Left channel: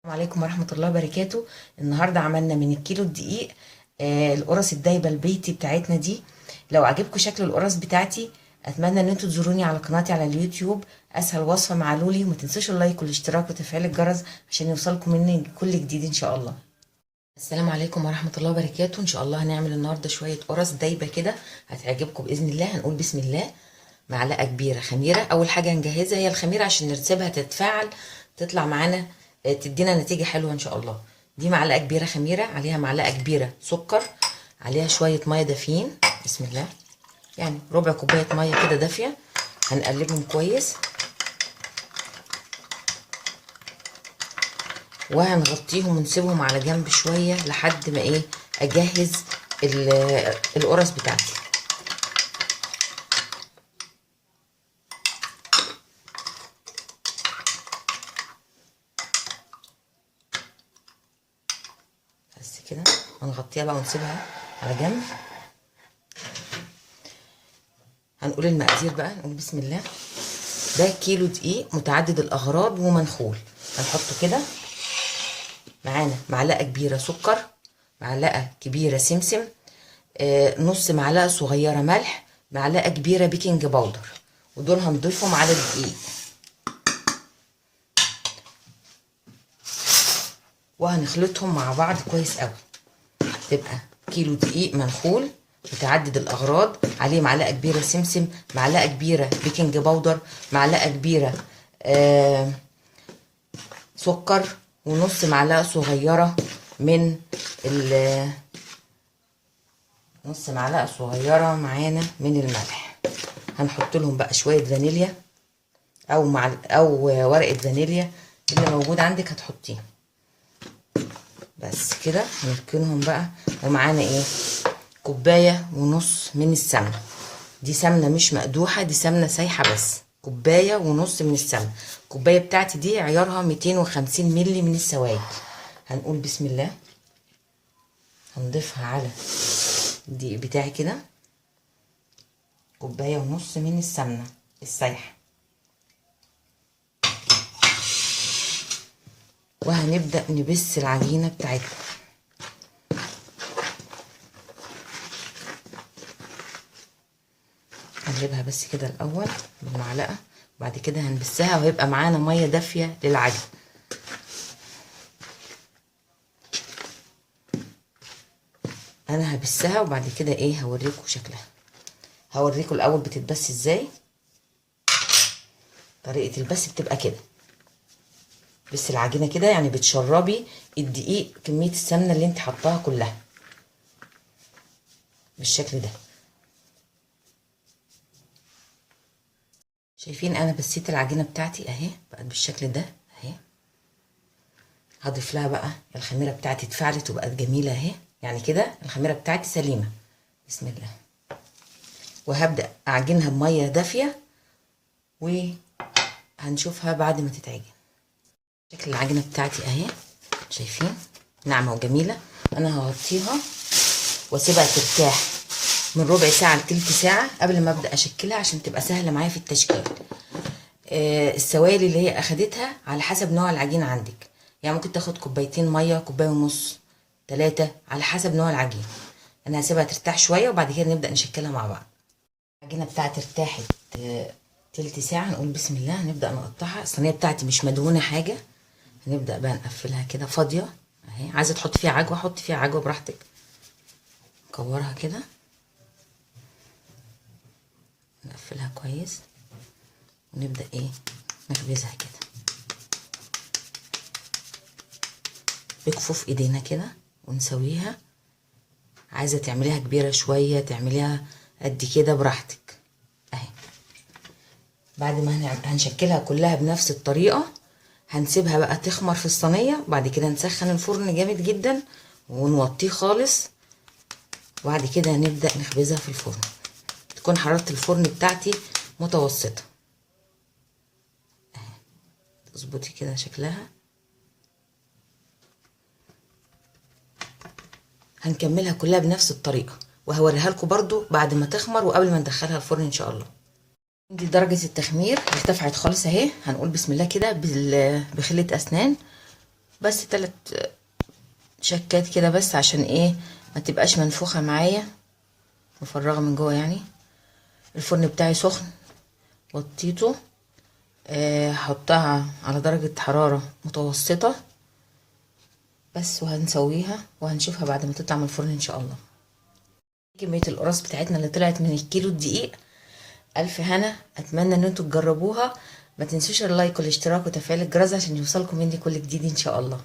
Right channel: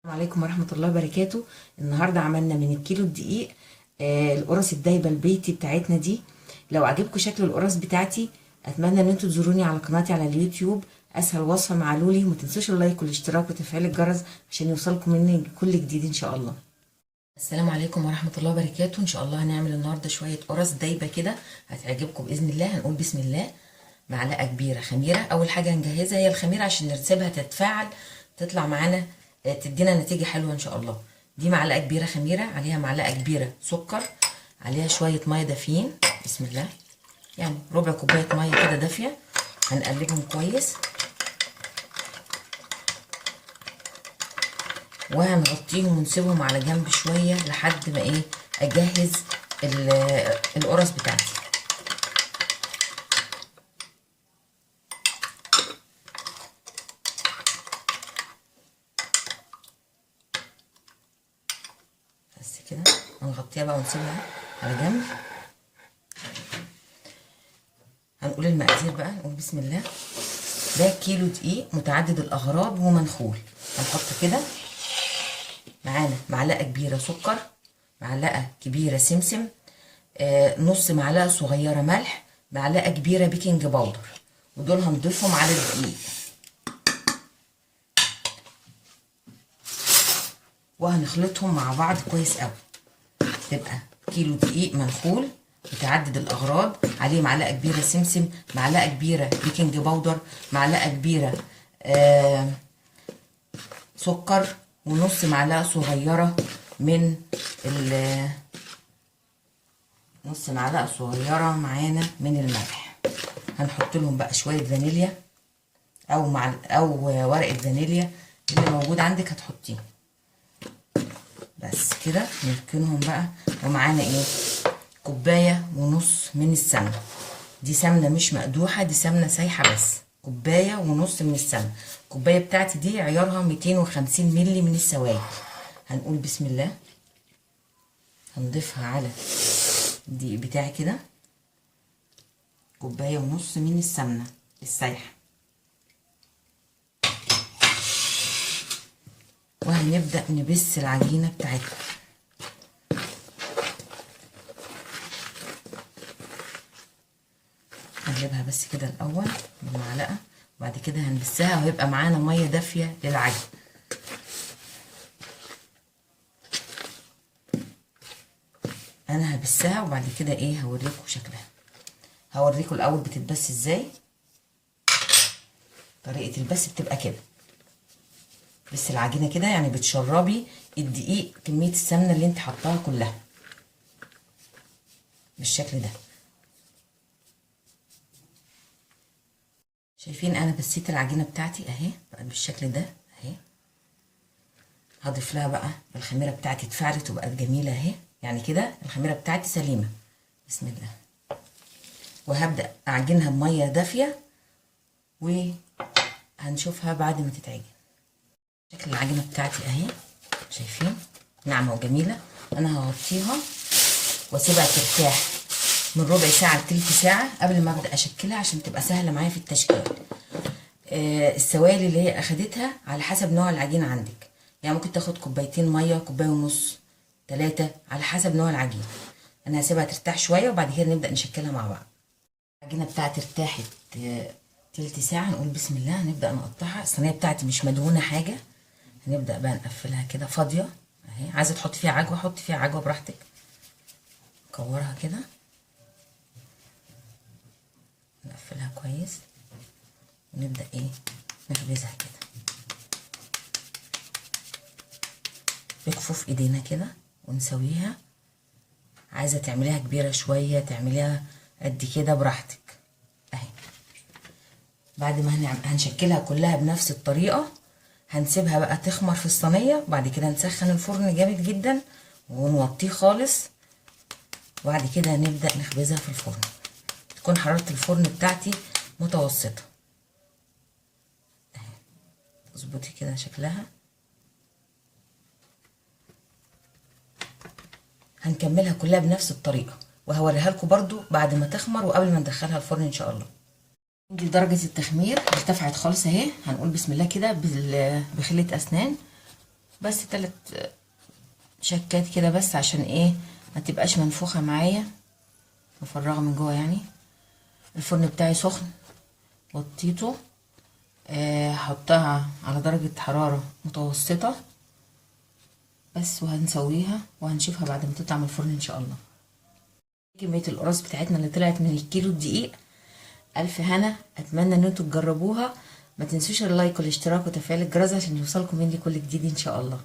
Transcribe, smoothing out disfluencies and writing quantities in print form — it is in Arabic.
السلام عليكم ورحمة الله وبركاته. النهاردة عملنا من الكيلو الدقيق القرص الدايبة البيتي بتاعتنا دي. لو عجبكم شكل القرص بتاعتي اتمنى ان انتوا تزوروني على قناتي على اليوتيوب. اسهل وصفة مع لولي. وما تنسوش اللايك والاشتراك وتفعيل الجرس عشان يوصلكم مني كل جديد ان شاء الله. السلام عليكم ورحمة الله وبركاته. ان شاء الله هنعمل النهاردة شوية قرص دايبة كده هتعجبكم بإذن الله. هنقول بسم الله. معلقة كبيرة خميرة. اول حاجة هنجهزها هي الخميرة عشان نسيبها تتفاعل تطلع معانا تدينا نتيجة حلوة ان شاء الله. دي معلقة كبيرة خميرة، عليها معلقة كبيرة سكر، عليها شوية مية دافيين. بسم الله. يعني ربع كوباية مية كده دافية. هنقلبهم كويس وهنغطيهم ونسيبهم على جنب شوية لحد ما اجهز القرص بتاعتي. بس كده هنغطيها بقى ونسيبها على جنب. هنقول المقادير بقى. نقول بسم الله. ده كيلو دقيق متعدد الاغراض ومنخول. هنحطه كده. معانا معلقه كبيره سكر، معلقه كبيره سمسم، نص معلقه صغيره ملح، معلقه كبيره بيكنج باودر، ودول هنضيفهم على الدقيق. وهنخلطهم مع بعض كويس قوي. تبقى كيلو دقيق منخول متعدد الاغراض، عليه معلقه كبيره سمسم، معلقه كبيره بيكنج باودر، معلقه كبيره سكر، ونص معلقه صغيره من نص معلقه صغيره معانا من الملح. هنحط لهم بقى شويه فانيليا او ورقه فانيليا اللي موجود عندك هتحطيه. بس كده نركنهم بقى. ومعانا كوبايه ونص من السمنه. دي سمنه مش مقدوحه، دي سمنه سايحه بس. كوبايه ونص من السمنه. الكوبايه بتاعتي دي عيارها 250 مللي من السوائل. هنقول بسم الله. هنضيفها على الدقيق بتاعي كده. كوبايه ونص من السمنه السايحه. وهنبدأ نبس العجينة بتاعتنا. هنجيبها بس كده الأول بالمعلقة، بعد كده هنبسها وهيبقى معانا مية دافية للعجن. أنا هبسها وبعد كده هوريكم شكلها. هوريكم الأول بتتبس ازاي. طريقة البس بتبقى كده. بس العجينة كده يعني بتشربي الدقيق كمية السمنة اللي انت حطاها كلها بالشكل ده. شايفين انا بسيت العجينة بتاعتي اهي بقت بالشكل ده اهي. هضيف لها بقى الخميرة بتاعتي اتفعلت وبقت جميلة اهي. يعني كده الخميرة بتاعتي سليمة. بسم الله. وهبدأ اعجنها بمية دافية وهنشوفها بعد ما تتعجن. شكل العجينة بتاعتي اهي شايفين ناعمة وجميلة. انا هغطيها واسيبها ترتاح من ربع ساعة لتلت ساعة قبل ما ابدأ اشكلها عشان تبقى سهلة معايا في التشكيل. السوائل اللي هي اخدتها على حسب نوع العجين عندك. يعني ممكن تاخد كوبايتين مية، كوباية ونص، 3 على حسب نوع العجين. انا هسيبها ترتاح شوية وبعد كده نبدأ نشكلها مع بعض. العجينة بتاعتي ارتاحت تلت ساعة. نقول بسم الله. هنبدأ نقطعها. الصينية بتاعتي مش مدهونة حاجة. هنبدأ بقى نقفلها كده فاضية اهي. عايزة تحط فيها عجوة حط فيها عجوة براحتك. نكورها كده نقفلها كويس ونبدأ نخبزها كده بكفوف ايدينا كده ونسويها. عايزة تعمليها كبيرة شوية تعمليها قد كده براحتك اهي. بعد ما هنشكلها كلها بنفس الطريقة هنسيبها بقى تخمر في الصينية. بعد كده نسخن الفرن جامد جدا ونوطيه خالص. وبعد كده هنبدأ نخبزها في الفرن. تكون حرارة الفرن بتاعتي متوسطة اهي. تظبطي كده شكلها. هنكملها كلها بنفس الطريقة وهوريها لكم برضو بعد ما تخمر وقبل ما ندخلها الفرن ان شاء الله. دي درجة التخمير ارتفعت خالص اهي. هنقول بسم الله كده بخلة اسنان بس 3 شكات كده بس، عشان ايه ما تبقاش منفوخة معايا، مفرغة من جوه يعني. الفرن بتاعي سخن، وطيته، هحطها على درجة حرارة متوسطة بس، وهنسويها وهنشوفها بعد ما تطلع من الفرن ان شاء الله. كمية القرص بتاعتنا اللي طلعت من الكيلو الدقيق. الف هنا، اتمنى ان انتوا تجربوها. ما تنسوش اللايك والاشتراك وتفعيل الجرس عشان يوصلكم مني كل جديد ان شاء الله.